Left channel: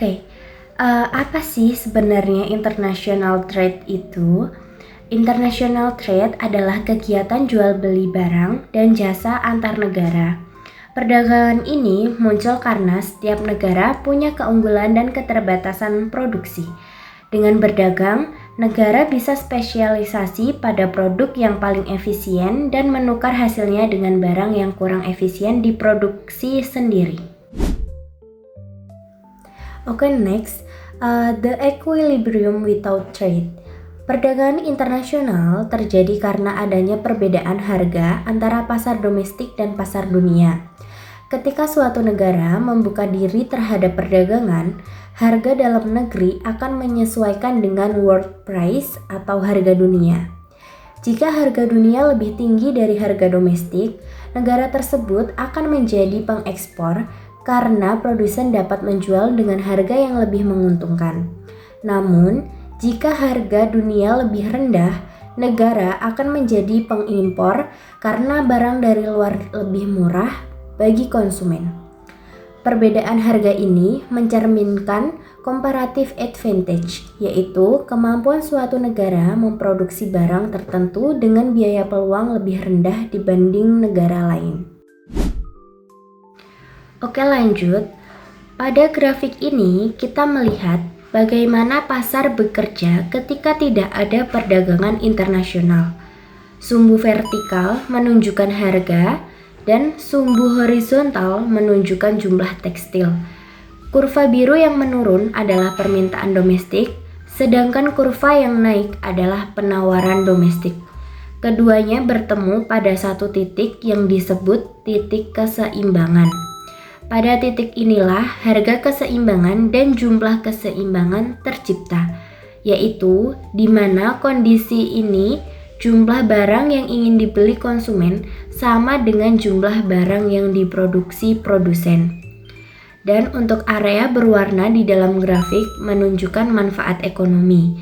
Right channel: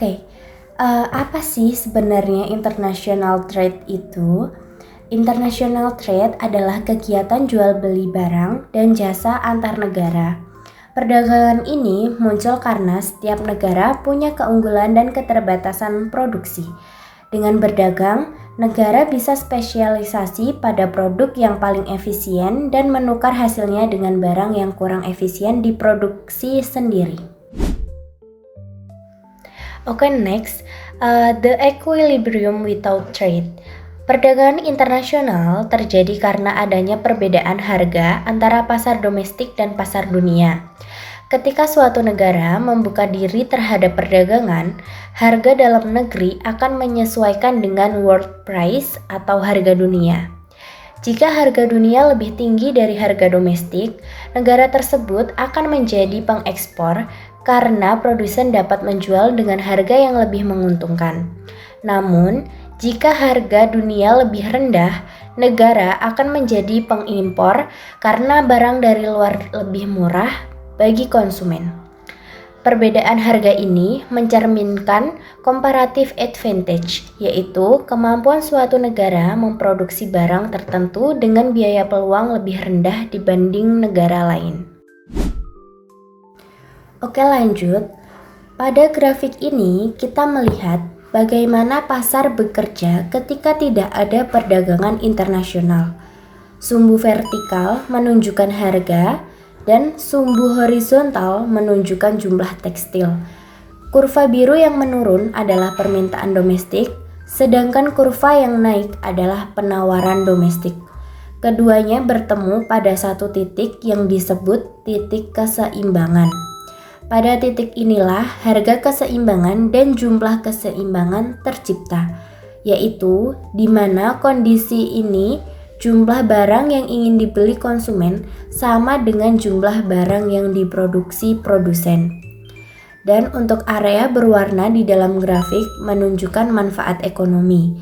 Oke, apa sih sebenarnya international trade itu? International trade adalah kegiatan jual beli barang dan jasa antar negara. Perdagangan ini muncul karena setiap negara punya keunggulan dan keterbatasan produksi. Dengan berdagang, negara bisa spesialisasi pada produk yang paling efisien dan menukar hasilnya dengan barang yang kurang efisien diproduksi sendiri. Oke, next, the equilibrium without trade. Perdagangan internasional terjadi karena adanya perbedaan harga antara pasar domestik dan pasar dunia. Ketika suatu negara membuka diri terhadap perdagangan, harga dalam negeri akan menyesuaikan dengan world price atau harga dunia. Jika harga dunia lebih tinggi dari harga domestik, negara tersebut akan menjadi pengekspor karena produsen dapat menjual dengan harga yang lebih menguntungkan. Namun, jika harga dunia lebih rendah, negara akan menjadi pengimpor karena barang dari luar lebih murah bagi konsumen. Perbedaan harga ini mencerminkan comparative advantage, yaitu kemampuan suatu negara memproduksi barang tertentu dengan biaya peluang lebih rendah dibanding negara lain. Oke, lanjut. Pada grafik ini kita melihat bagaimana pasar bekerja ketika tidak ada perdagangan internasional. Sumbu vertikal menunjukkan harga dan sumbu horizontal menunjukkan jumlah tekstil. Kurva biru yang menurun adalah permintaan domestik, sedangkan kurva yang naik adalah penawaran domestik. Keduanya bertemu pada satu titik yang disebut titik keseimbangan. Pada titik inilah harga keseimbangan dan jumlah keseimbangan tercipta, yaitu di mana kondisi ini jumlah barang yang ingin dibeli konsumen sama dengan jumlah barang yang diproduksi produsen. Dan untuk area berwarna di dalam grafik menunjukkan manfaat ekonomi.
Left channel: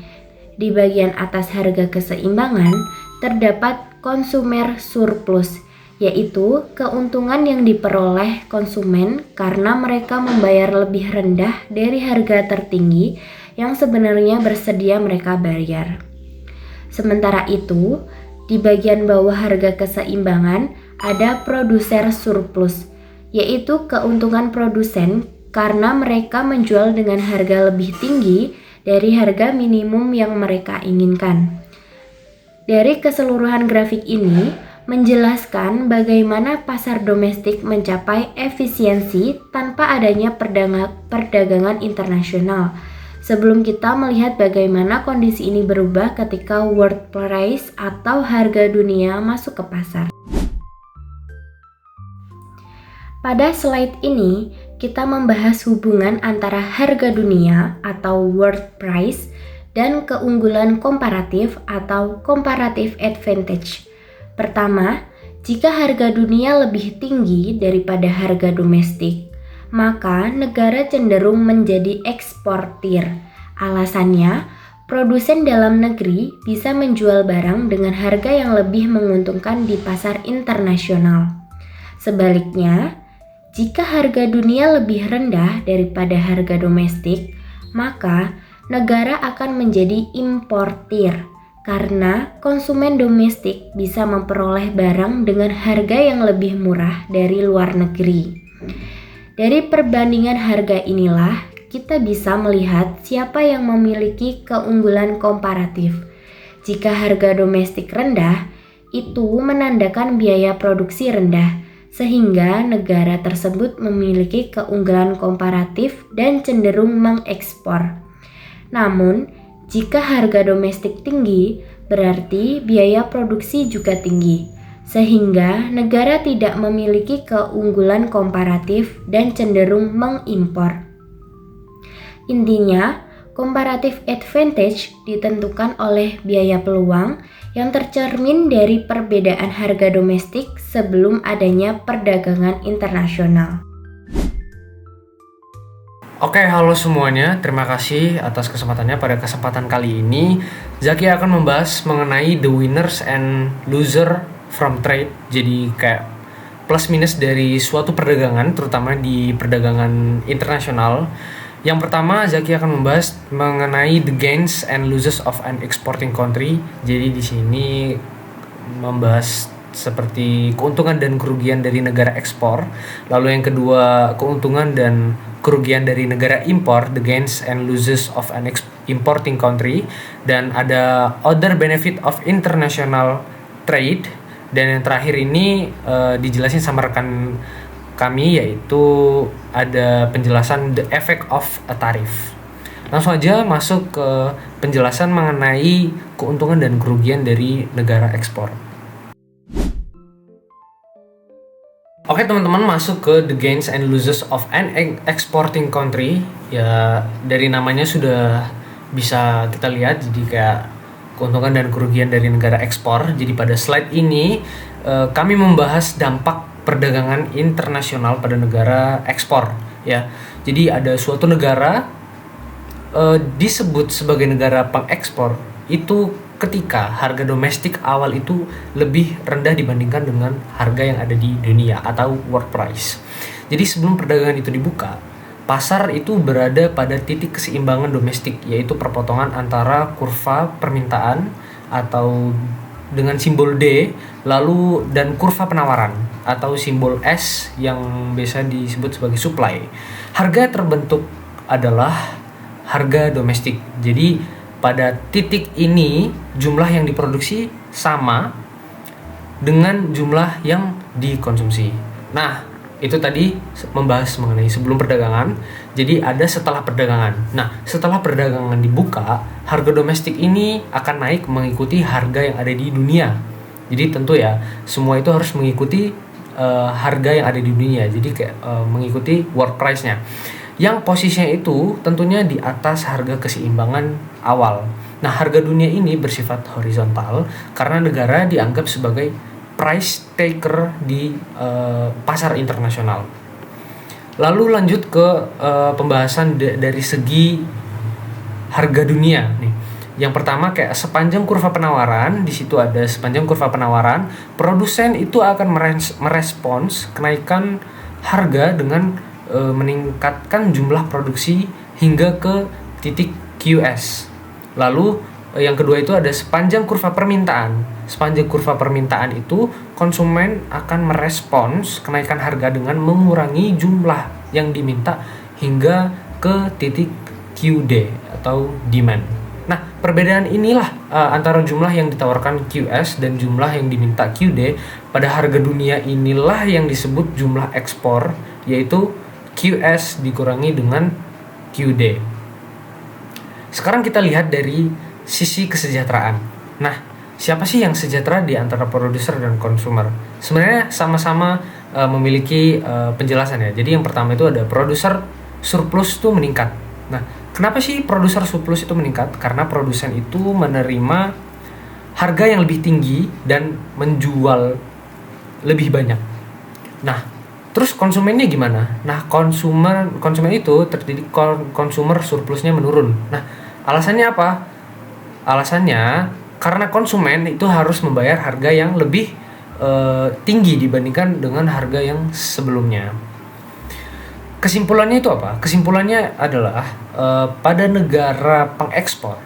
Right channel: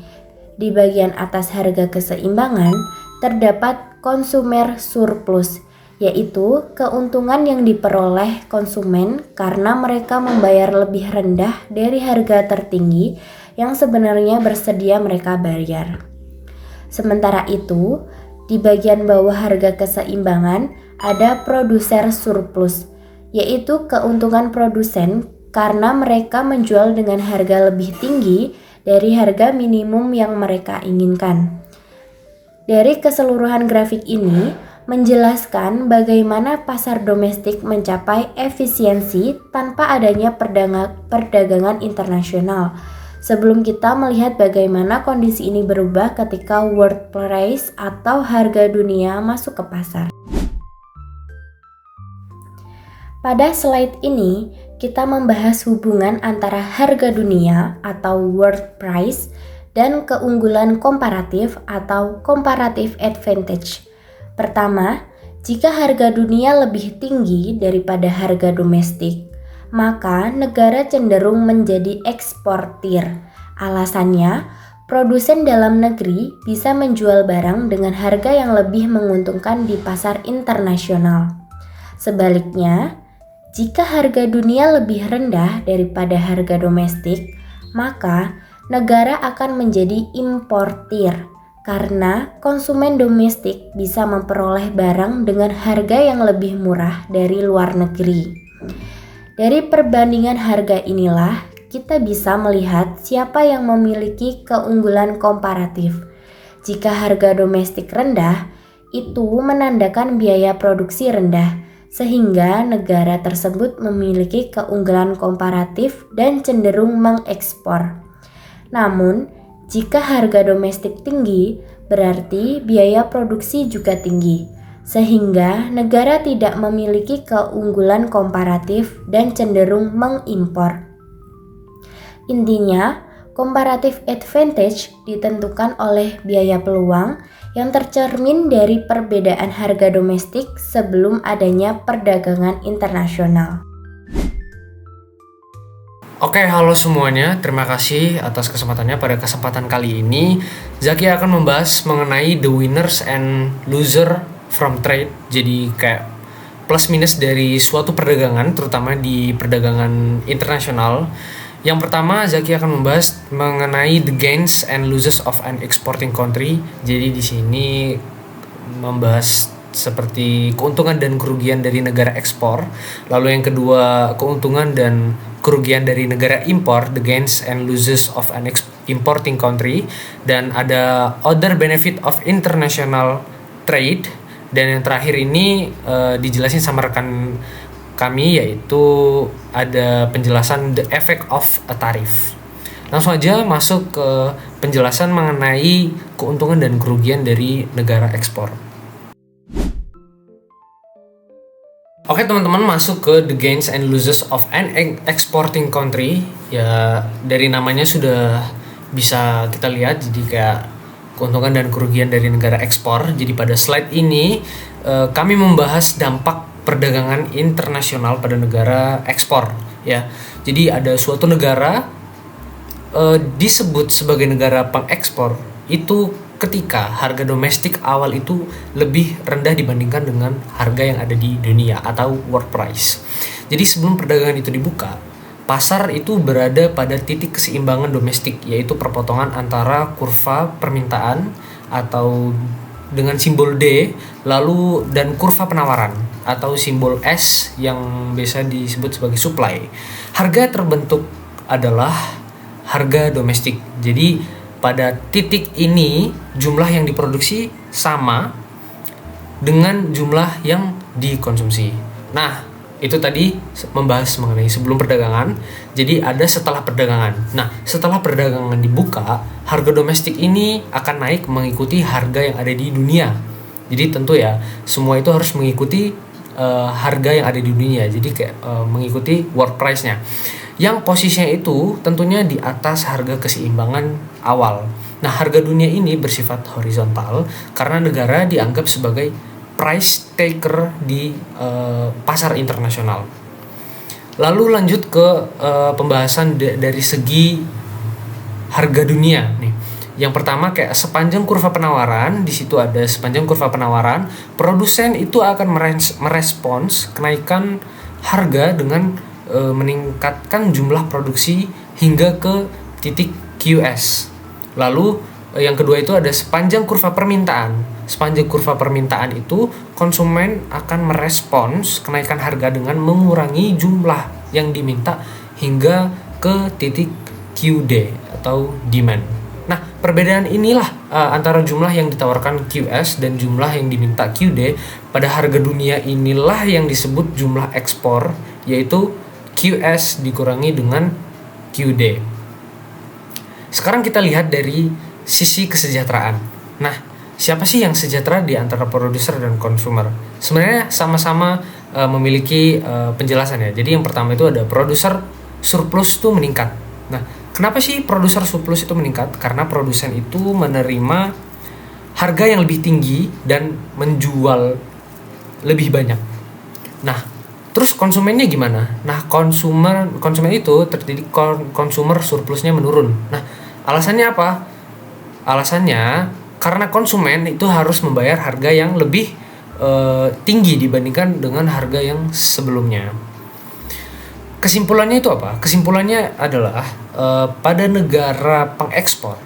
Di bagian atas harga keseimbangan terdapat consumer surplus, yaitu keuntungan yang diperoleh konsumen karena mereka membayar lebih rendah dari harga tertinggi yang sebenarnya bersedia mereka bayar. Sementara itu, di bagian bawah harga keseimbangan ada producer surplus, yaitu keuntungan produsen karena mereka menjual dengan harga lebih tinggi dari harga minimum yang mereka inginkan. Dari keseluruhan grafik ini menjelaskan bagaimana pasar domestik mencapai efisiensi tanpa adanya perdagangan internasional. Sebelum kita melihat bagaimana kondisi ini berubah ketika world price atau harga dunia masuk ke pasar. Pada slide ini, kita membahas hubungan antara harga dunia atau world price dan keunggulan komparatif atau comparative advantage. Pertama, jika harga dunia lebih tinggi daripada harga domestik, maka negara cenderung menjadi eksportir. Alasannya, produsen dalam negeri bisa menjual barang dengan harga yang lebih menguntungkan di pasar internasional. Sebaliknya, jika harga dunia lebih rendah daripada harga domestik, maka negara akan menjadi importir karena konsumen domestik bisa memperoleh barang dengan harga yang lebih murah dari luar negeri. Dari perbandingan harga inilah kita bisa melihat siapa yang memiliki keunggulan komparatif. Jika harga domestik rendah, itu menandakan biaya produksi rendah, sehingga negara tersebut memiliki keunggulan komparatif dan cenderung mengekspor. Namun, jika harga domestik tinggi, berarti biaya produksi juga tinggi, sehingga negara tidak memiliki keunggulan komparatif dan cenderung mengimpor. Intinya, comparative advantage ditentukan oleh biaya peluang yang tercermin dari perbedaan harga domestik sebelum adanya perdagangan internasional. Oke, halo semuanya. Terima kasih atas kesempatannya. Pada kesempatan kali ini, Zaki akan membahas mengenai the winners and loser from trade. Jadi kayak plus minus dari suatu perdagangan, terutama di perdagangan internasional. Yang pertama, Zaki akan membahas mengenai the gains and losses of an exporting country. Jadi di sini membahas seperti keuntungan dan kerugian dari negara ekspor. Lalu yang kedua, keuntungan dan kerugian dari negara impor, the gains and losses of an importing country. Dan ada other benefit of international trade. Dan yang terakhir ini dijelasin sama rekan kami, yaitu ada penjelasan the effect of a tariff. Langsung aja masuk ke penjelasan mengenai keuntungan dan kerugian dari negara ekspor. Oke teman-teman, masuk ke the gains and losses of an exporting country. Ya dari namanya sudah bisa kita lihat, jadi kayak keuntungan dan kerugian dari negara ekspor. Jadi pada slide ini kami membahas dampak perdagangan internasional pada negara ekspor. Ya, jadi ada suatu negara disebut sebagai negara pengekspor itu ketika harga domestik awal itu lebih rendah dibandingkan dengan harga yang ada di dunia atau world price. Jadi sebelum perdagangan itu dibuka, pasar itu berada pada titik keseimbangan domestik, yaitu perpotongan antara kurva permintaan atau dengan simbol D lalu dan kurva penawaran atau simbol S yang biasa disebut sebagai supply. Harga terbentuk adalah harga domestik. Jadi pada titik ini jumlah yang diproduksi sama dengan jumlah yang dikonsumsi. Nah, itu tadi membahas mengenai sebelum perdagangan. Jadi ada setelah perdagangan. Nah, setelah perdagangan dibuka, harga domestik ini akan naik mengikuti harga yang ada di dunia. Jadi tentu ya, semua itu harus mengikuti harga yang ada di dunia. Jadi kayak mengikuti world price-nya. Yang posisinya itu tentunya di atas harga keseimbangan awal. Nah, harga dunia ini bersifat horizontal karena negara dianggap sebagai price taker di pasar internasional. Lalu lanjut ke pembahasan dari segi harga dunia nih. Yang pertama kayak sepanjang kurva penawaran, di situ ada sepanjang kurva penawaran, produsen itu akan merespons kenaikan harga dengan meningkatkan jumlah produksi hingga ke titik QS. Lalu yang kedua itu ada sepanjang kurva permintaan. Sepanjang kurva permintaan itu konsumen akan merespons kenaikan harga dengan mengurangi jumlah yang diminta hingga ke titik QD atau demand. Nah, perbedaan inilah antara jumlah yang ditawarkan QS dan jumlah yang diminta QD pada harga dunia inilah yang disebut jumlah ekspor, yaitu QS dikurangi dengan QD. Sekarang kita lihat dari sisi kesejahteraan. Nah, siapa sih yang sejahtera di antara produser dan konsumer? Sebenarnya sama-sama memiliki penjelasan ya. Jadi yang pertama itu ada produser surplus itu meningkat. Nah, kenapa sih produser surplus itu meningkat? Karena produsen itu menerima harga yang lebih tinggi dan menjual lebih banyak. Nah, terus konsumennya gimana? Nah, konsumen itu terjadi konsumer surplusnya menurun. Nah, alasannya apa? Alasannya karena konsumen itu harus membayar harga yang lebih tinggi dibandingkan dengan harga yang sebelumnya. Kesimpulannya itu apa? Kesimpulannya adalah pada negara pengekspor,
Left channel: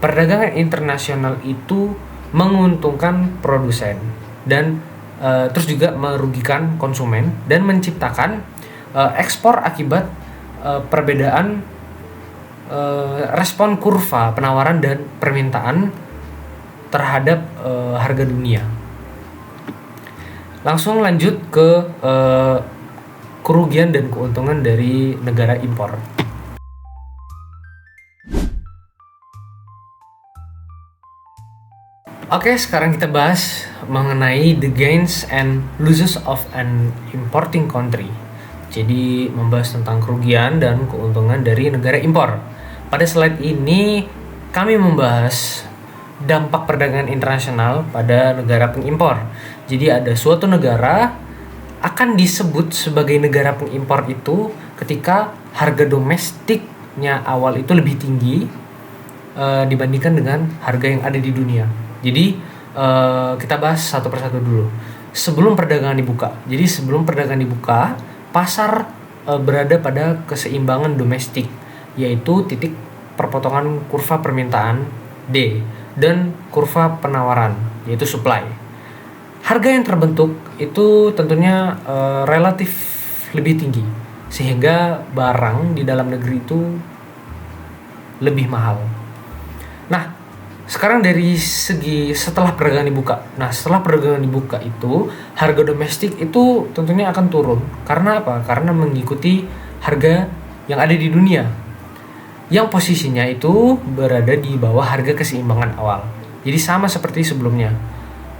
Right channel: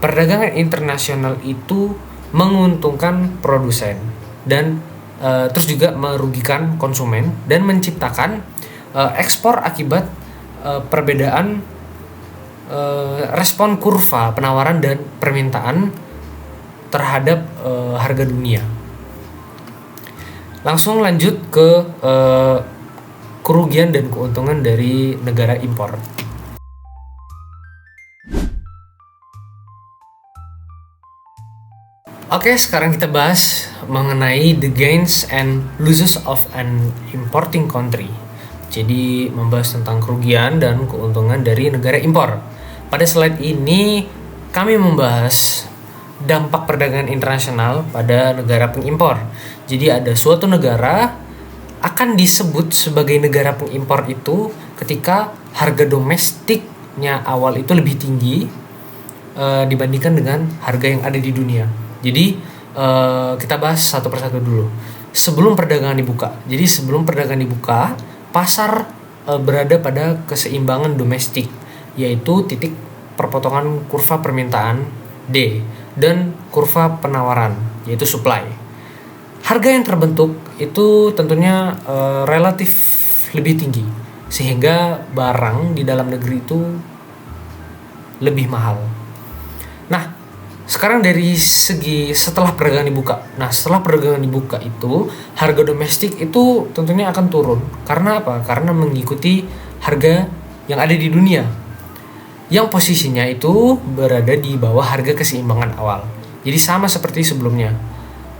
perdagangan internasional itu menguntungkan produsen dan terus juga merugikan konsumen dan menciptakan ekspor akibat perbedaan respon kurva penawaran dan permintaan terhadap harga dunia. Langsung lanjut ke kerugian dan keuntungan dari negara impor. Oke, sekarang kita bahas mengenai the gains and losses of an importing country. Jadi membahas tentang kerugian dan keuntungan dari negara impor. Pada slide ini kami membahas dampak perdagangan internasional pada negara pengimpor. Jadi ada suatu negara akan disebut sebagai negara pengimpor itu ketika harga domestiknya awal itu lebih tinggi dibandingkan dengan harga yang ada di dunia. Jadi kita bahas satu persatu dulu. Sebelum perdagangan dibuka. Jadi sebelum perdagangan dibuka, pasar berada pada keseimbangan domestik, yaitu titik perpotongan kurva permintaan D dan kurva penawaran, yaitu supply. Harga yang terbentuk itu tentunya relatif lebih tinggi, sehingga barang di dalam negeri itu lebih mahal. Nah, sekarang dari segi setelah perdagangan dibuka. Nah, setelah perdagangan dibuka itu, harga domestik itu tentunya akan turun. Karena apa? Karena mengikuti harga yang ada di dunia, yang posisinya itu berada di bawah harga keseimbangan awal. Jadi sama seperti sebelumnya.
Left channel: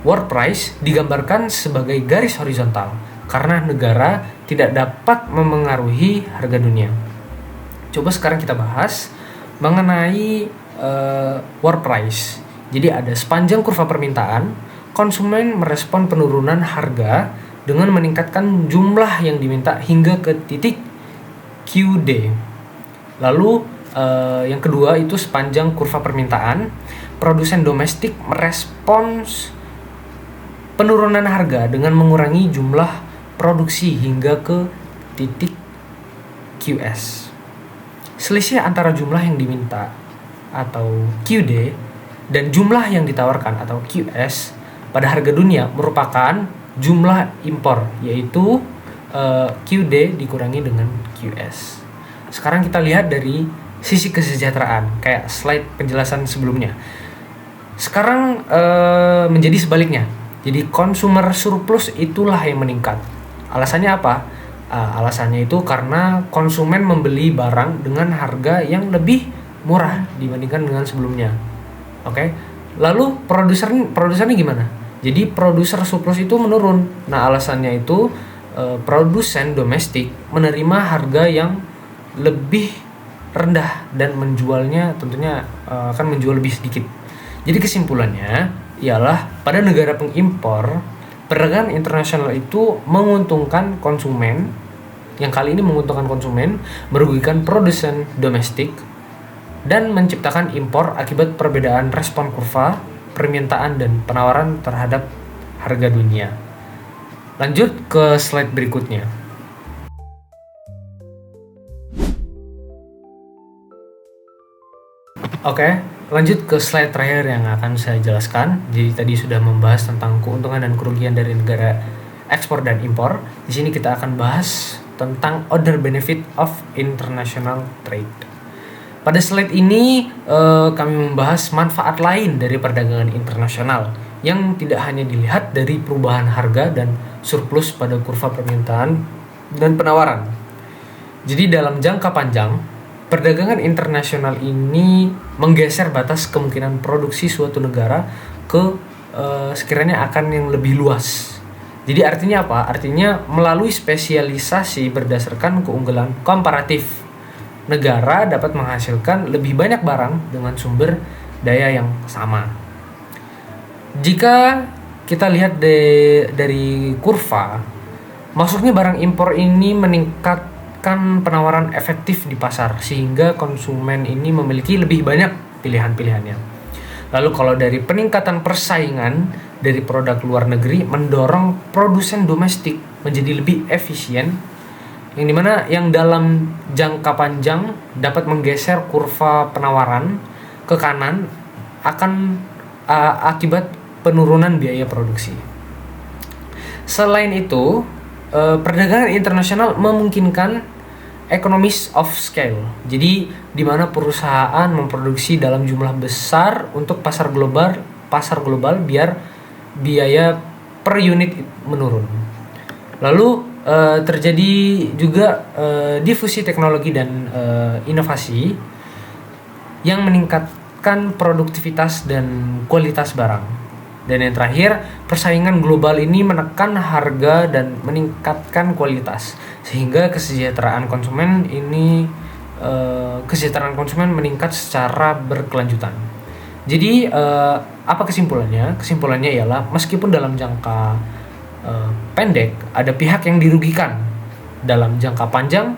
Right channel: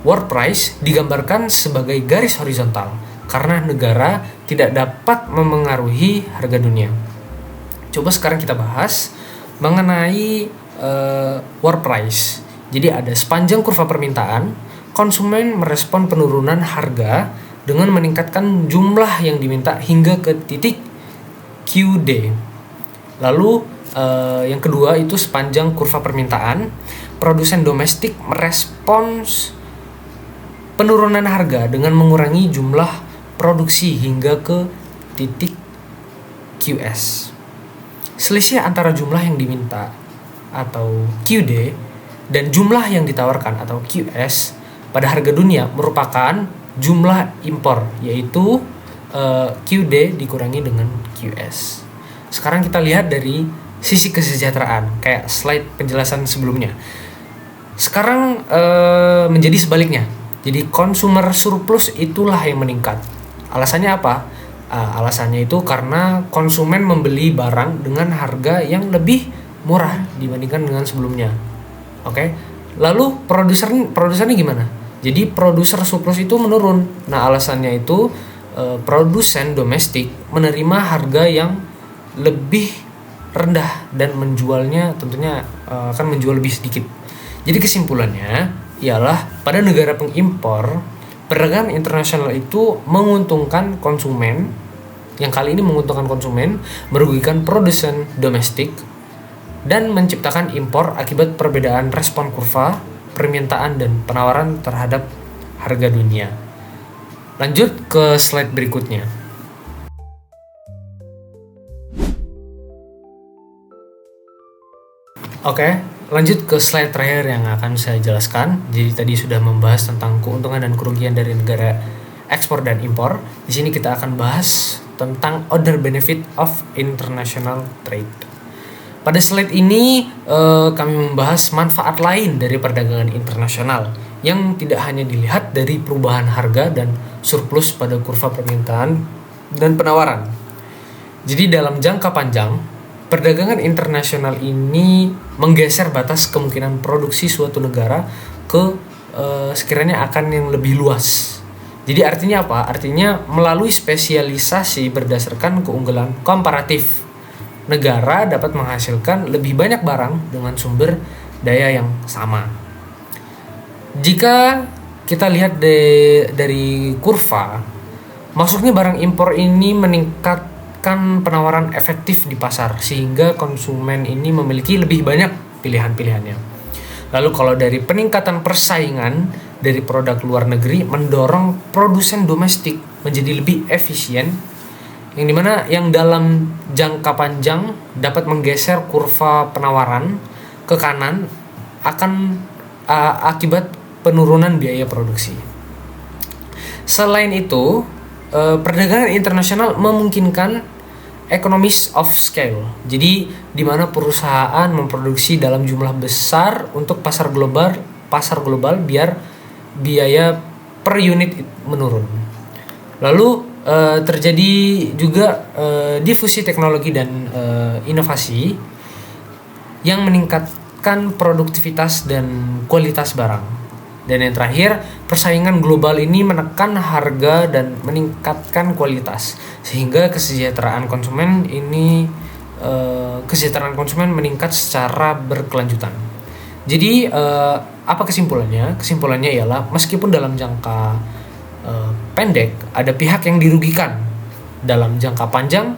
World price digambarkan sebagai garis horizontal karena negara tidak dapat memengaruhi harga dunia. Coba sekarang kita bahas mengenai world price. Jadi ada sepanjang kurva permintaan, konsumen merespon penurunan harga dengan meningkatkan jumlah yang diminta hingga ke titik QD. Lalu yang kedua itu sepanjang kurva permintaan, produsen domestik merespons penurunan harga dengan mengurangi jumlah produksi hingga ke titik QS. Selisih antara jumlah yang diminta atau QD dan jumlah yang ditawarkan atau QS pada harga dunia merupakan jumlah impor, yaitu QD dikurangi dengan QS. Sekarang kita lihat dari sisi kesejahteraan, kayak slide penjelasan sebelumnya. Sekarang menjadi sebaliknya. Jadi consumer surplus itulah yang meningkat. Alasannya apa? Alasannya itu karena konsumen membeli barang dengan harga yang lebih murah dibandingkan dengan sebelumnya. Oke. Lalu produsernya gimana? Jadi produser surplus itu menurun. Nah, alasannya itu produsen domestik menerima harga yang lebih rendah dan menjualnya tentunya akan menjual lebih sedikit. Jadi kesimpulannya ialah pada negara pengimpor, perdagangan internasional itu menguntungkan konsumen, yang kali ini menguntungkan konsumen, merugikan produsen domestik, dan menciptakan impor akibat perbedaan respon kurva, permintaan dan penawaran terhadap harga dunia. Lanjut ke slide berikutnya. Oke, lanjut ke slide terakhir yang akan saya jelaskan. Jadi tadi sudah membahas tentang keuntungan dan kerugian dari negara ekspor dan impor. Di sini kita akan bahas tentang other benefit of international trade. Pada slide ini kami membahas manfaat lain dari perdagangan internasional yang tidak hanya dilihat dari perubahan harga dan surplus pada kurva permintaan dan penawaran. Jadi dalam jangka panjang, perdagangan internasional ini menggeser batas kemungkinan produksi suatu negara ke sekiranya akan yang lebih luas. Jadi artinya apa? Artinya melalui spesialisasi berdasarkan keunggulan komparatif, negara dapat menghasilkan lebih banyak barang dengan sumber daya yang sama. Jika kita lihat dari kurva, masuknya barang impor ini meningkatkan penawaran efektif di pasar sehingga konsumen ini memiliki lebih banyak pilihan-pilihannya. Lalu kalau dari peningkatan persaingan dari produk luar negeri mendorong produsen domestik menjadi lebih efisien, yang dimana yang dalam jangka panjang dapat menggeser kurva penawaran ke kanan akan akibat penurunan biaya produksi. Selain itu, perdagangan internasional memungkinkan economies of scale. Jadi di mana perusahaan memproduksi dalam jumlah besar untuk pasar global biar biaya per unit menurun. Lalu terjadi juga difusi teknologi dan inovasi yang meningkatkan produktivitas dan kualitas barang. Dan yang terakhir, persaingan global ini menekan harga dan meningkatkan kualitas sehingga kesejahteraan konsumen meningkat secara berkelanjutan. Jadi apa kesimpulannya? Kesimpulannya ialah meskipun dalam jangka pendek ada pihak yang dirugikan, dalam jangka panjang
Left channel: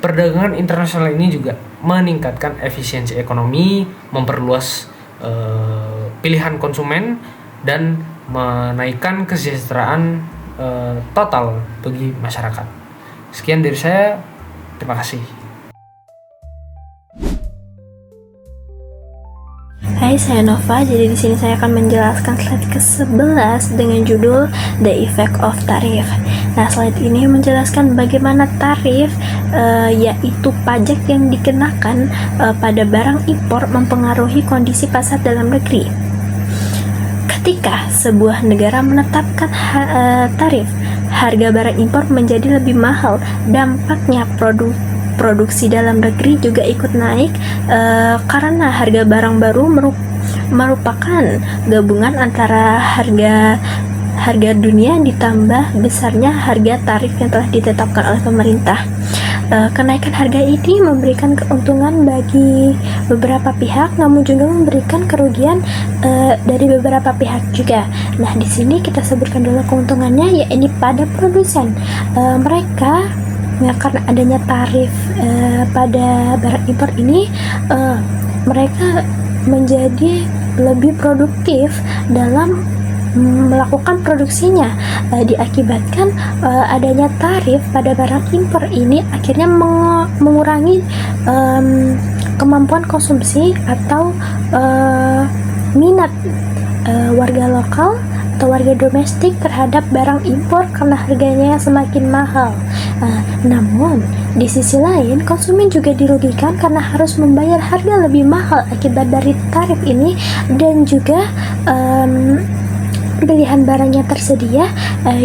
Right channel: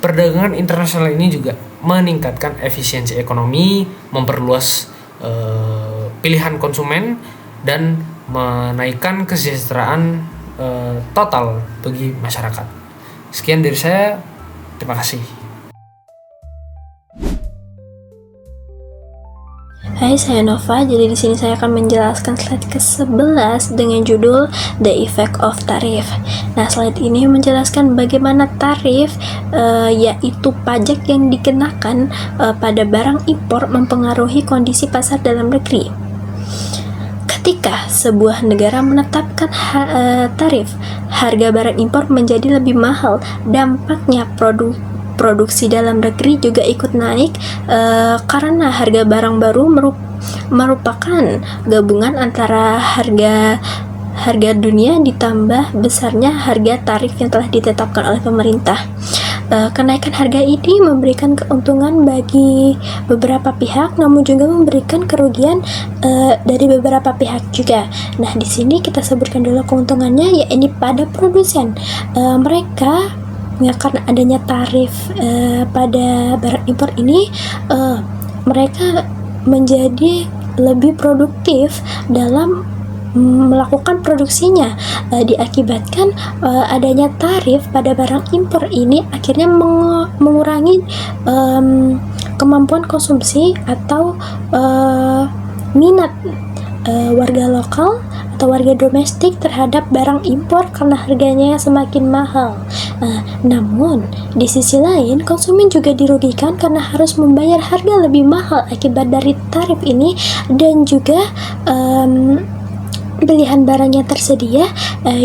perdagangan internasional ini juga meningkatkan efisiensi ekonomi, memperluas pilihan konsumen dan menaikkan kesejahteraan total bagi masyarakat. Sekian dari saya. Terima kasih. Hai, saya Nova. Jadi di sini saya akan menjelaskan slide ke-11 dengan judul The Effect of Tarif. Nah, slide ini menjelaskan bagaimana tarif yaitu pajak yang dikenakan pada barang impor mempengaruhi kondisi pasar dalam negeri. Ketika sebuah negara menetapkan tarif, harga barang impor menjadi lebih mahal. Dampaknya produksi dalam negeri juga ikut naik karena harga barang baru merupakan gabungan antara harga dunia ditambah besarnya harga tarif yang telah ditetapkan oleh pemerintah. Kenaikan harga ini memberikan keuntungan bagi beberapa pihak, namun juga memberikan kerugian dari beberapa pihak juga. Nah, di sini kita sebutkan dulu keuntungannya, yaitu pada produsen. Mereka karena adanya tarif pada barang impor ini, mereka menjadi lebih produktif dalam melakukan produksinya. Diakibatkan adanya tarif pada barang impor ini akhirnya mengurangi kemampuan konsumsi atau minat warga lokal atau warga domestik terhadap barang impor karena harganya semakin mahal. Namun di sisi lain, konsumen juga dirugikan karena harus membayar harga lebih mahal akibat dari tarif ini, dan juga pilihan barang yang tersedia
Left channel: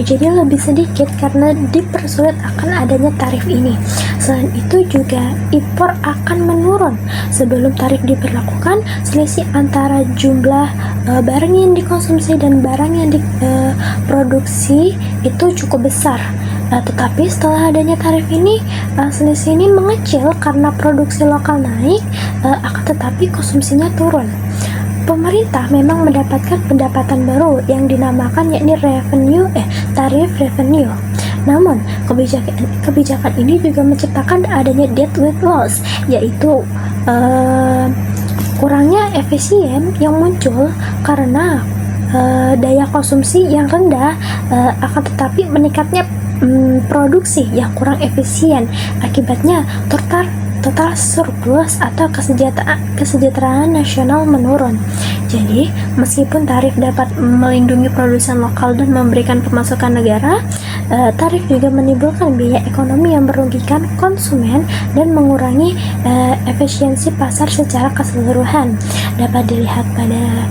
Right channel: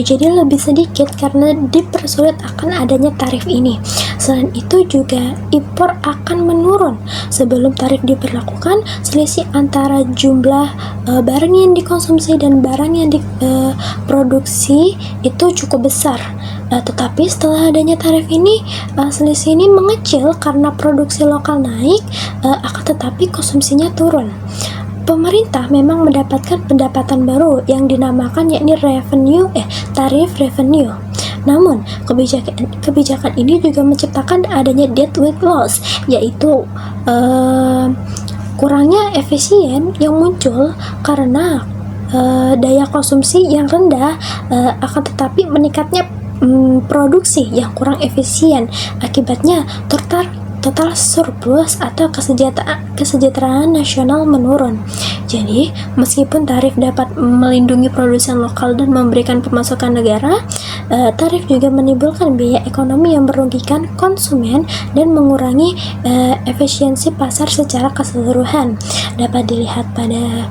jadi lebih sedikit karena dipersulit akan adanya tarif ini. Selain itu juga impor akan menurun. Sebelum tarif diberlakukan, selisih antara jumlah barang yang dikonsumsi dan barang yang diproduksi itu cukup besar. Tetapi setelah adanya tarif ini, selisih ini mengecil karena produksi lokal naik, akan tetapi konsumsinya turun. Pemerintah memang mendapatkan pendapatan baru yang dinamakan yakni tarif revenue. Namun, kebijakan ini juga menciptakan adanya deadweight loss, yaitu kurangnya efisien yang muncul karena daya konsumsi yang rendah, akan tetapi meningkatnya produksi yang kurang efisien. Akibatnya total surplus atau kesejahteraan nasional menurun. Jadi, meskipun tarif dapat melindungi produsen lokal dan memberikan pemasukan negara, tarif juga menimbulkan biaya ekonomi yang merugikan konsumen dan mengurangi efisiensi pasar secara keseluruhan. Dapat dilihat pada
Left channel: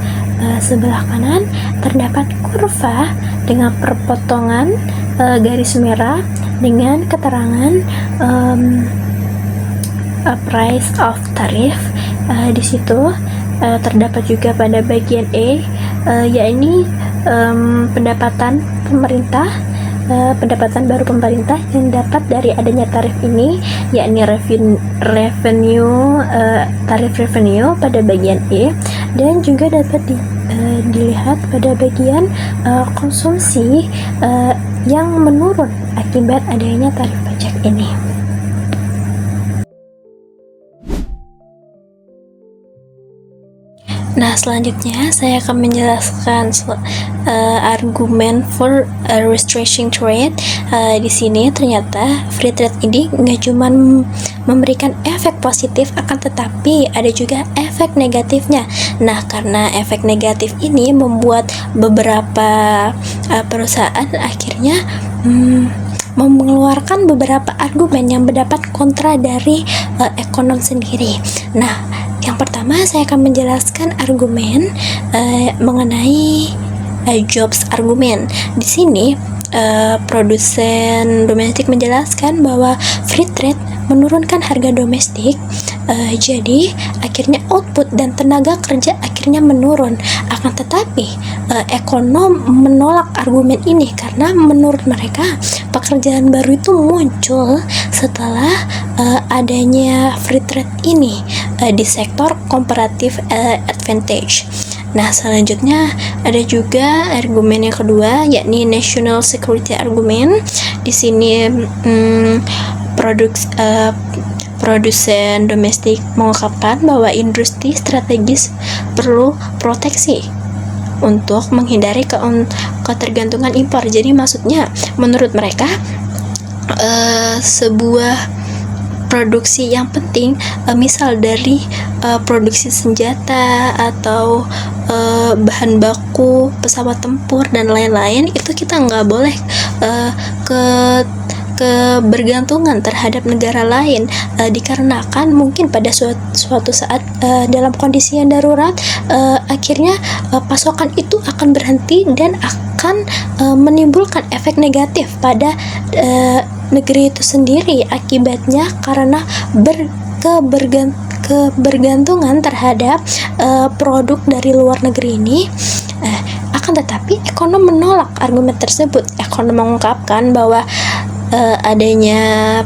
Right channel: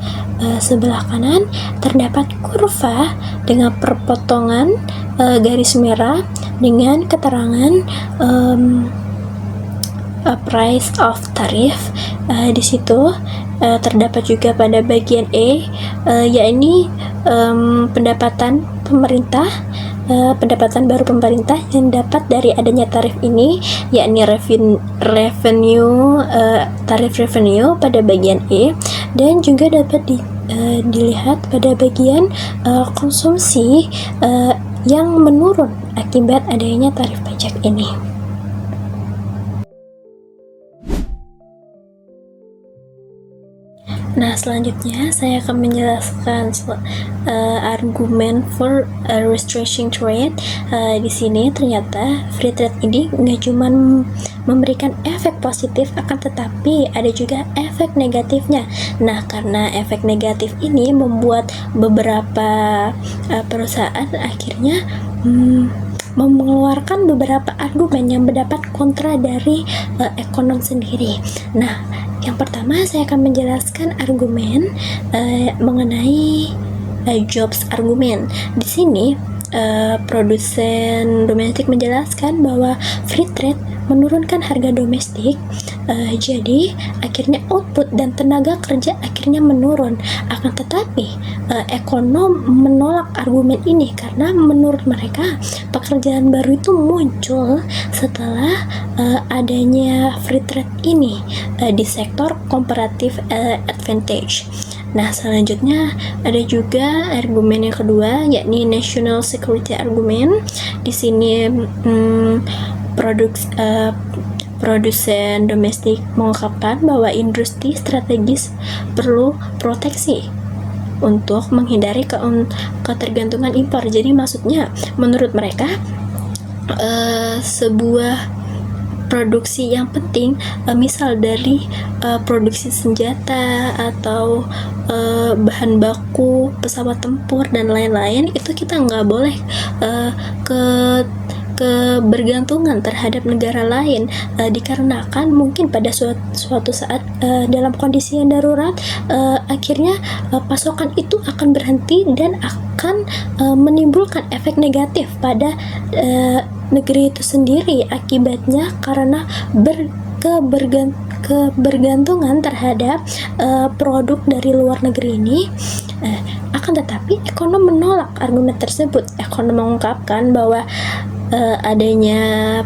sebelah kanan, terdapat kurva dengan perpotongan garis merah dengan keterangan price of tarif. Di situ terdapat juga pada bagian E, yakni pendapatan baru pemerintah yang dapat dari adanya tarif ini, yakni tarif revenue pada bagian E, dan juga dapat dilihat pada bagian konsumsi yang menurun akibat adanya tarif pajak ini. Nah, selanjutnya saya akan menjelaskan argumen for restricting trade. Di sini ternyata free trade ini nggak cuma memberikan efek positif, akan tetapi ada juga efek negatifnya. Nah, karena efek negatif ini membuat beberapa perusahaan akhirnya mengeluarkan beberapa argumen yang mendapat kontra dari ekonom sendiri. Nah, yang pertama saya akan menjelaskan argumen mengenai jobs argumen. Di sini produsen domestik menjelaskan bahwa free trade menurunkan harga domestik, jadi akhirnya output dan tenaga kerja akhirnya menurun. Akan tetapi ekonom menolak argumen ini karena menurut mereka pekerjaan baru itu muncul setelah adanya free trade ini di sektor comparative advantage. Nah, selanjutnya ada juga argumen yang kedua, yakni national security argument. Di sini produsen domestik mengungkapkan bahwa industri strategis perlu proteksi untuk menghindari ketergantungan impor. Jadi maksudnya menurut mereka sebuah produksi yang penting, misal dari produksi senjata atau bahan baku pesawat tempur dan lain-lain, itu kita nggak boleh ke kebergantungan terhadap negara lain, dikarenakan mungkin pada suatu saat dalam kondisi yang darurat, akhirnya pasokan itu akan berhenti dan akan menimbulkan efek negatif pada negeri itu sendiri. Akibatnya karena kebergantungan terhadap produk dari luar negeri ini. Akan tetapi ekonom menolak argumen tersebut. Ekonom mengungkapkan bahwa adanya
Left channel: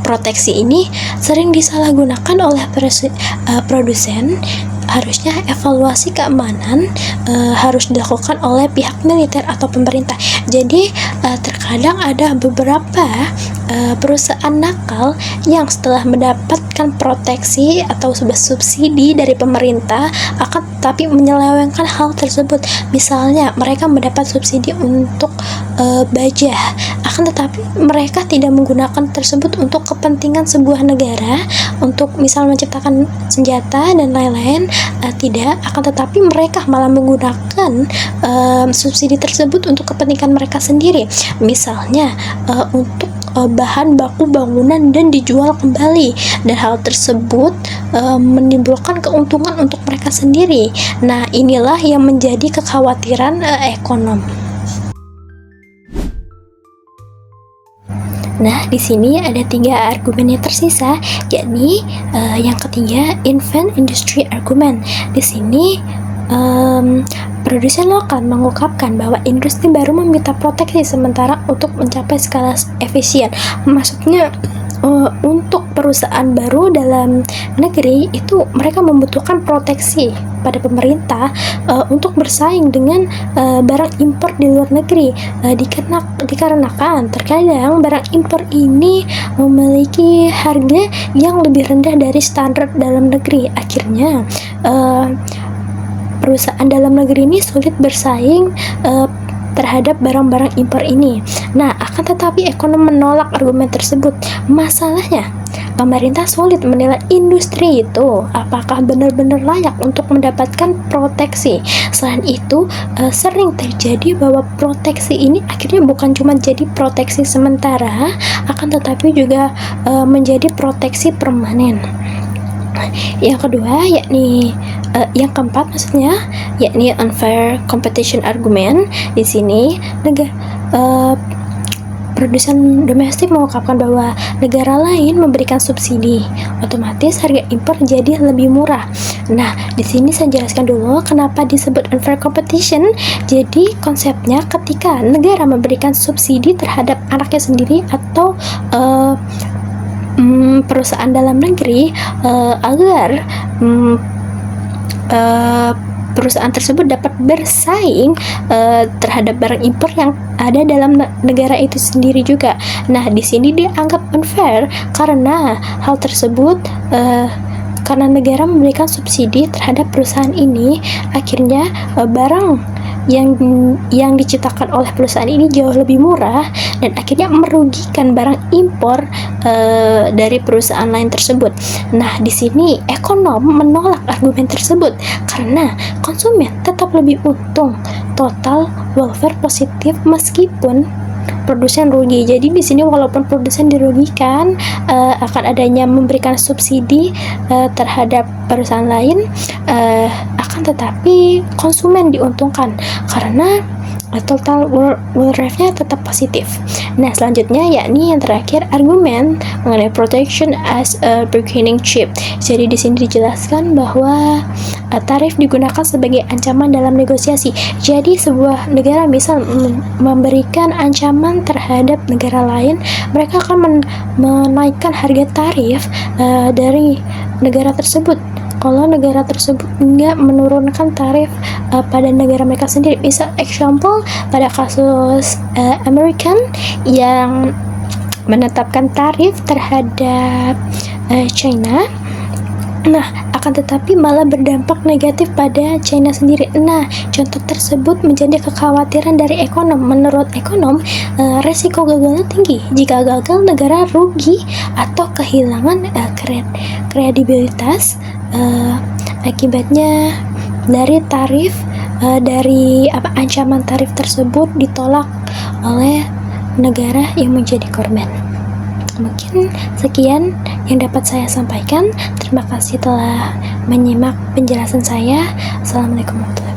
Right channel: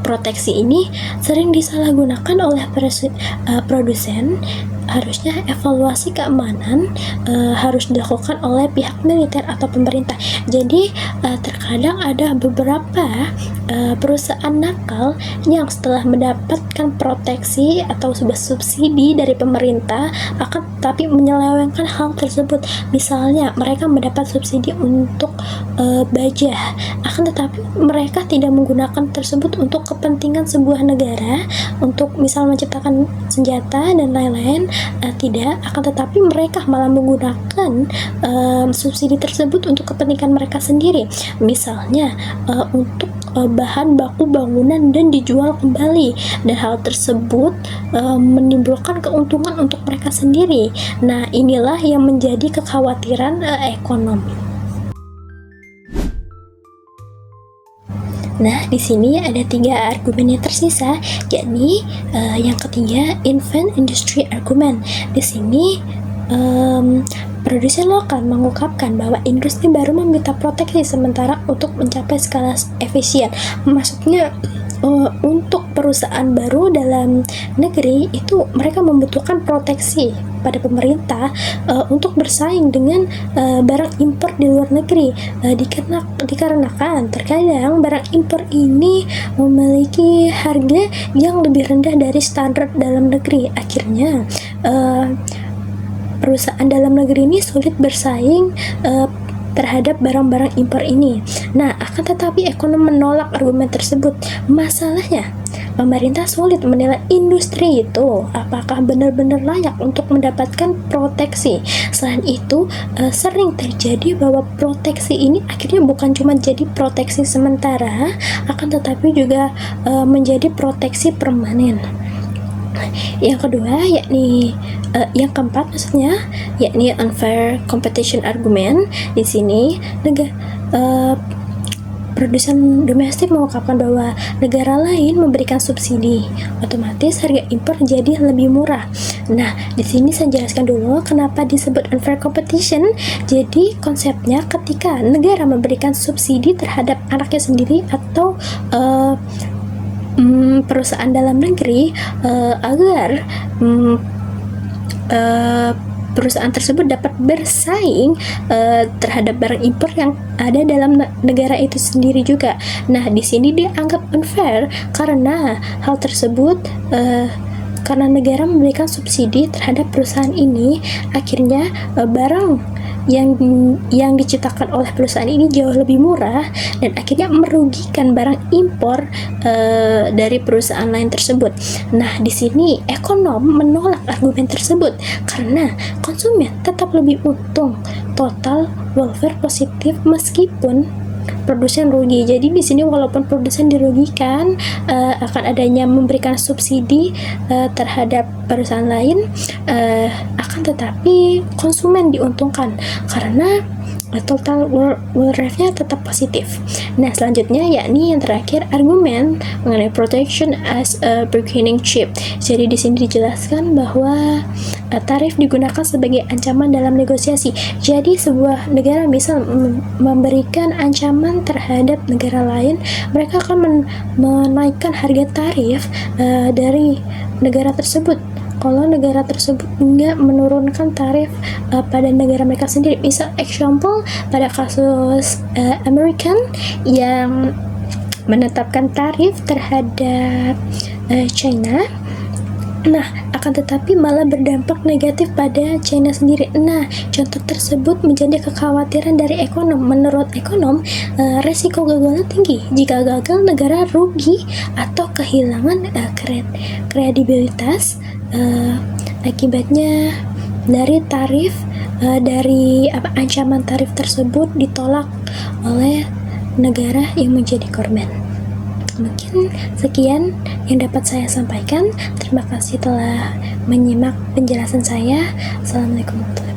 proteksi ini sering disalahgunakan oleh produsen. Harusnya evaluasi keamanan harus dilakukan oleh pihak militer atau pemerintah. Jadi terkadang ada beberapa perusahaan nakal yang setelah mendapatkan proteksi atau subsidi dari pemerintah akan tapi menyelewengkan hal tersebut. Misalnya mereka mendapat subsidi untuk baja, akan tetapi mereka tidak menggunakan tersebut untuk kepentingan sebuah negara, untuk misal menciptakan senjata dan lain-lain. Tidak, akan tetapi mereka malah menggunakan subsidi tersebut untuk kepentingan mereka sendiri. Misalnya untuk bahan baku bangunan dan dijual kembali, dan hal tersebut menimbulkan keuntungan untuk mereka sendiri. Nah, inilah yang menjadi kekhawatiran ekonom. Nah, di sini ada 3 argumen yang tersisa, yakni yang ketiga, invent industry argument. Di sini produsen lokal mengungkapkan bahwa industri baru meminta proteksi sementara untuk mencapai skala efisien. Maksudnya untuk perusahaan baru dalam negeri itu mereka membutuhkan proteksi pada pemerintah untuk bersaing dengan barang impor di luar negeri, dikarenakan terkadang barang impor ini memiliki harga yang lebih rendah dari standar dalam negeri. Akhirnya perusahaan dalam negeri ini sulit bersaing terhadap barang-barang impor ini. Nah, akan tetapi ekonom menolak argumen tersebut. Masalahnya, pemerintah sulit menilai industri itu apakah benar-benar layak untuk mendapatkan proteksi. Selain itu, sering terjadi bahwa proteksi ini akhirnya bukan cuma jadi proteksi sementara, akan tetapi juga menjadi proteksi permanen. Yang kedua, yakni yang keempat maksudnya, yakni unfair competition argument. Di sini produsen domestik mengungkapkan bahwa negara lain memberikan subsidi, otomatis harga impor jadi lebih murah. Nah, di sini saya jelaskan dulu kenapa disebut unfair competition. Jadi konsepnya ketika negara memberikan subsidi terhadap anaknya sendiri atau perusahaan dalam negeri agar perusahaan tersebut dapat bersaing terhadap barang impor yang ada dalam negara itu sendiri juga. Nah, di sini dianggap unfair karena hal tersebut karena negara memberikan subsidi terhadap perusahaan ini, akhirnya barang yang diciptakan oleh perusahaan ini jauh lebih murah dan akhirnya merugikan barang impor dari perusahaan lain tersebut. Nah, di sini ekonom menolak argumen tersebut karena konsumen tetap lebih untung, total welfare positif meskipun produsen rugi. Jadi di sini walaupun produsen dirugikan akan adanya memberikan subsidi terhadap perusahaan lain, akan tetapi konsumen diuntungkan karena total welfare-nya tetap positif. Nah, selanjutnya yakni yang terakhir, argumen mengenai protection as a bargaining chip. Jadi di sini dijelaskan bahwa tarif digunakan sebagai ancaman dalam negosiasi. Jadi sebuah negara misal memberikan ancaman terhadap negara lain, mereka akan menaikkan harga tarif dari negara tersebut kalau negara tersebut nggak menurunkan tarif pada negara mereka sendiri. Misal example pada kasus American yang menetapkan tarif terhadap China Nah, akan tetapi malah berdampak negatif pada China sendiri. Nah, contoh tersebut menjadi kekhawatiran dari ekonom. Menurut ekonom, resiko gagalnya tinggi. Jika gagal, negara rugi atau kehilangan kredibilitas. Akibatnya dari tarif, ancaman tarif tersebut ditolak oleh negara yang menjadi korban. Mungkin sekian yang dapat saya sampaikan. Terima kasih telah menyimak penjelasan saya. Assalamualaikum warahmatullahi wabarakatuh.